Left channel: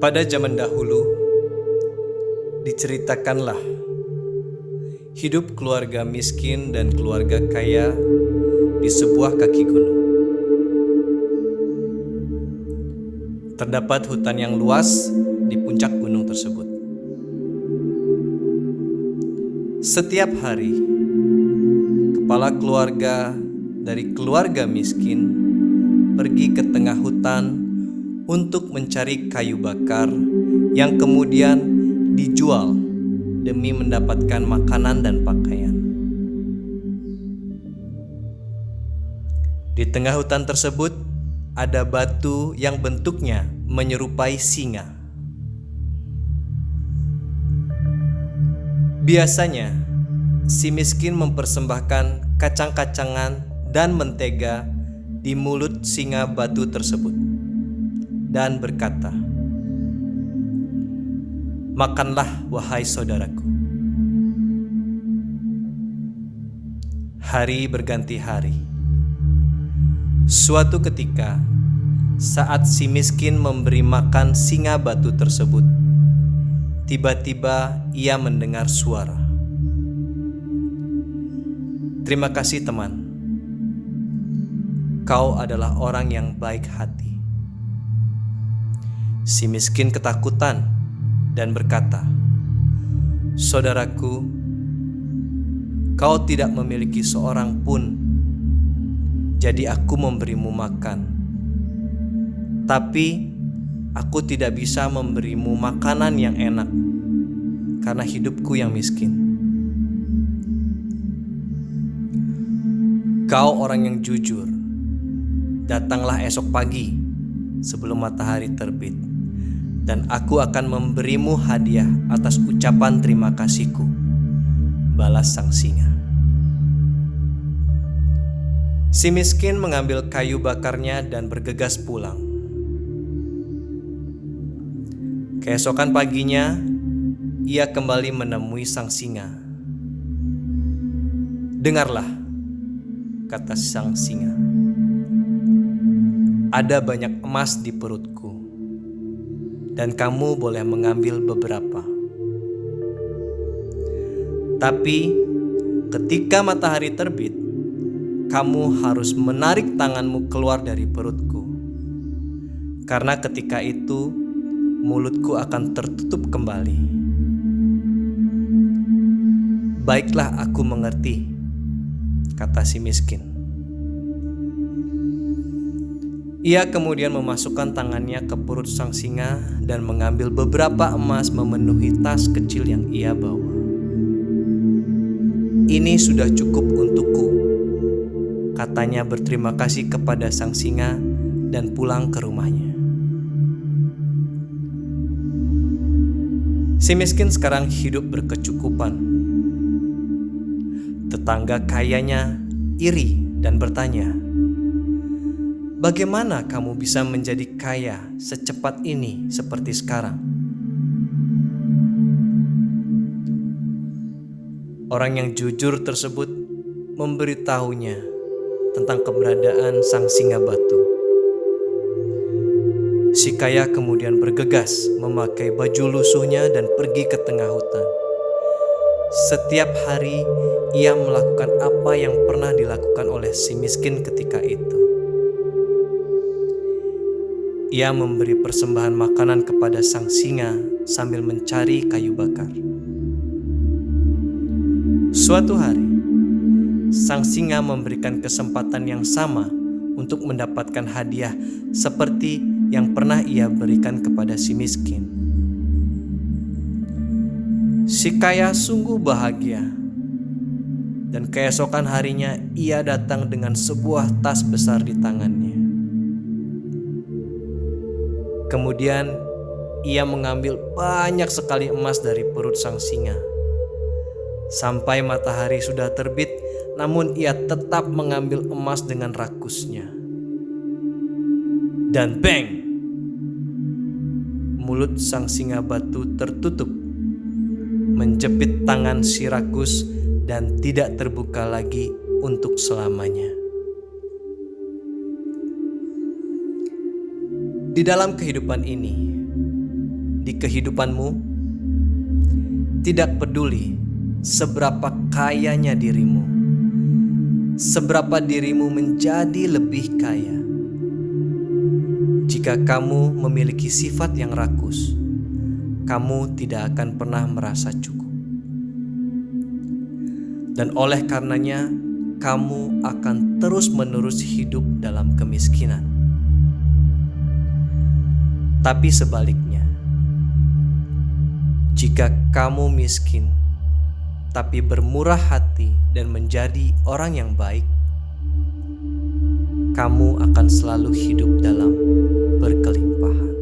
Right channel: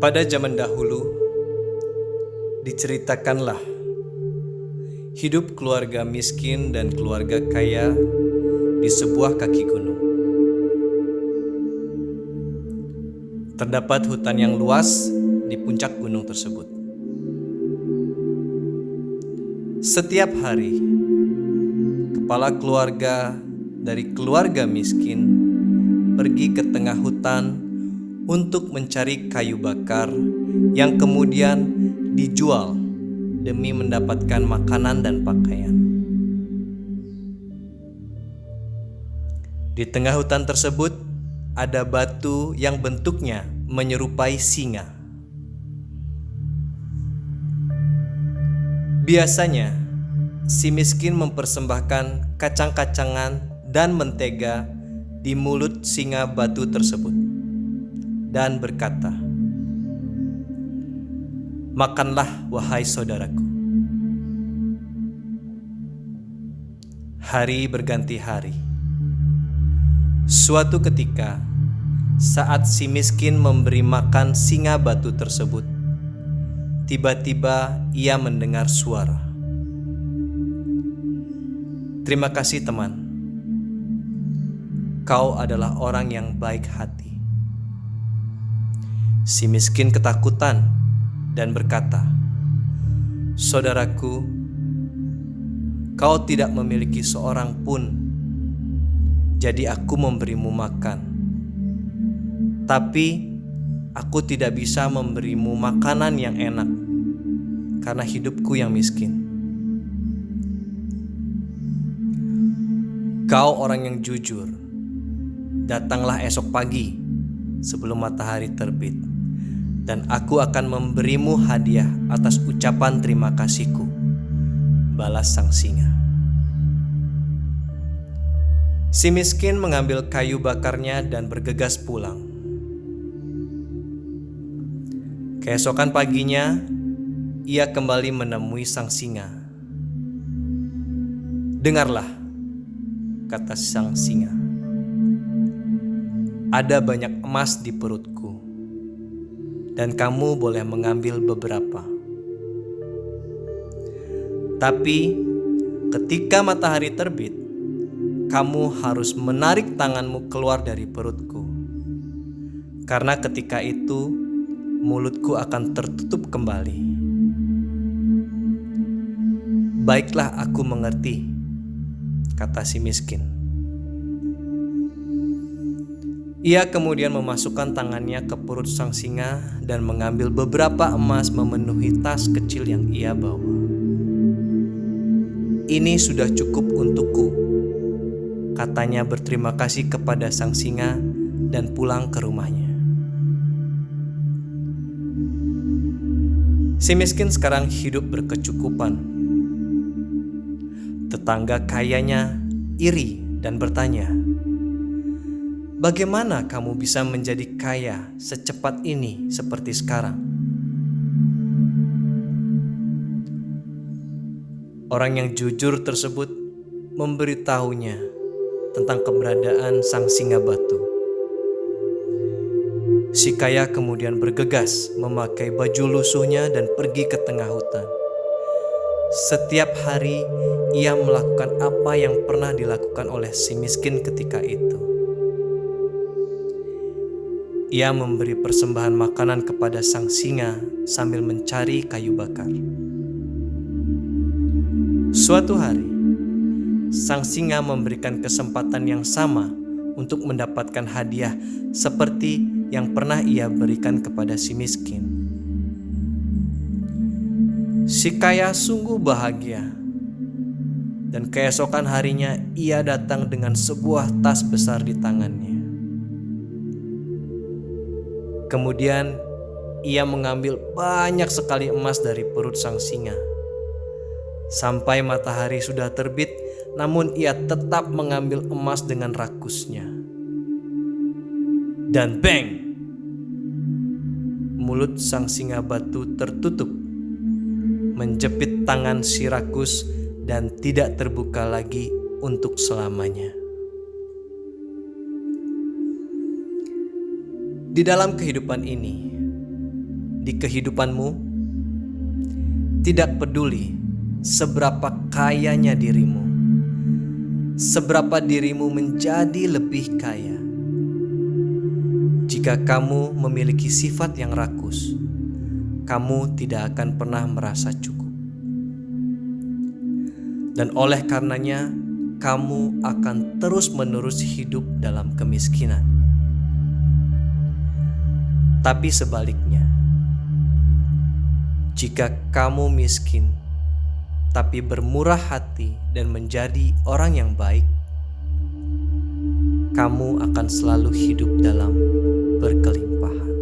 Pada zaman dahulu, diceritakanlah hidup keluarga miskin dan keluarga kaya di sebuah kaki gunung. Terdapat hutan yang luas di puncak gunung tersebut. Setiap hari, kepala keluarga dari keluarga miskin pergi ke tengah hutan untuk mencari kayu bakar yang kemudian dijual demi mendapatkan makanan dan pakaian. Di tengah hutan tersebut ada batu yang bentuknya menyerupai singa. Biasanya, si miskin mempersembahkan kacang-kacangan dan mentega di mulut singa batu tersebut dan berkata, "Makanlah, wahai saudaraku." Hari berganti hari. Suatu ketika, saat si miskin memberi makan singa batu tersebut, tiba-tiba ia mendengar suara. "Terima kasih teman, kau adalah orang yang baik hati." Si miskin ketakutan dan berkata, "Saudaraku, kau tidak memiliki seorang pun, jadi aku memberimu makan. Tapi aku tidak bisa memberimu makanan yang enak, karena hidupku yang miskin. Kau orang yang jujur. Datanglah esok pagi sebelum matahari terbit, dan aku akan memberimu hadiah atas ucapan terima kasihku," balas sang singa. Si miskin mengambil kayu bakarnya dan bergegas pulang. Keesokan paginya, ia kembali menemui sang singa. "Dengarlah," kata sang singa, "ada banyak emas di perutku, dan kamu boleh mengambil beberapa. Tapi ketika matahari terbit, kamu harus menarik tanganmu keluar dari perutku, karena ketika itu mulutku akan tertutup kembali." "Baiklah, aku mengerti," kata si miskin. Ia kemudian memasukkan tangannya ke perut sang singa dan mengambil beberapa emas memenuhi tas kecil yang ia bawa. "Ini sudah cukup untukku," katanya berterima kasih kepada sang singa dan pulang ke rumahnya. Si miskin sekarang hidup berkecukupan. Tetangga kayanya iri dan bertanya, "Bagaimana kamu bisa menjadi kaya secepat ini seperti sekarang?" Orang yang jujur tersebut memberitahunya tentang keberadaan sang singa batu. Si kaya kemudian bergegas memakai baju lusuhnya dan pergi ke tengah hutan. Setiap hari ia melakukan apa yang pernah dilakukan oleh si miskin ketika itu. Ia memberi persembahan makanan kepada sang singa sambil mencari kayu bakar. Suatu hari, sang singa memberikan kesempatan yang sama untuk mendapatkan hadiah seperti yang pernah ia berikan kepada si miskin. Si kaya sungguh bahagia, dan keesokan harinya ia datang dengan sebuah tas besar di tangannya. Kemudian ia mengambil banyak sekali emas dari perut sang singa. Sampai matahari sudah terbit, namun ia tetap mengambil emas dengan rakusnya. Dan bang! Mulut sang singa batu tertutup, menjepit tangan si rakus dan tidak terbuka lagi untuk selamanya. Di dalam kehidupan ini, di kehidupanmu, tidak peduli seberapa kayanya dirimu, seberapa dirimu menjadi lebih kaya. Jika kamu memiliki sifat yang rakus, kamu tidak akan pernah merasa cukup. Dan oleh karenanya, kamu akan terus-menerus hidup dalam kemiskinan. Tapi sebaliknya, jika kamu miskin, tapi bermurah hati dan menjadi orang yang baik, kamu akan selalu hidup dalam berkelimpahan.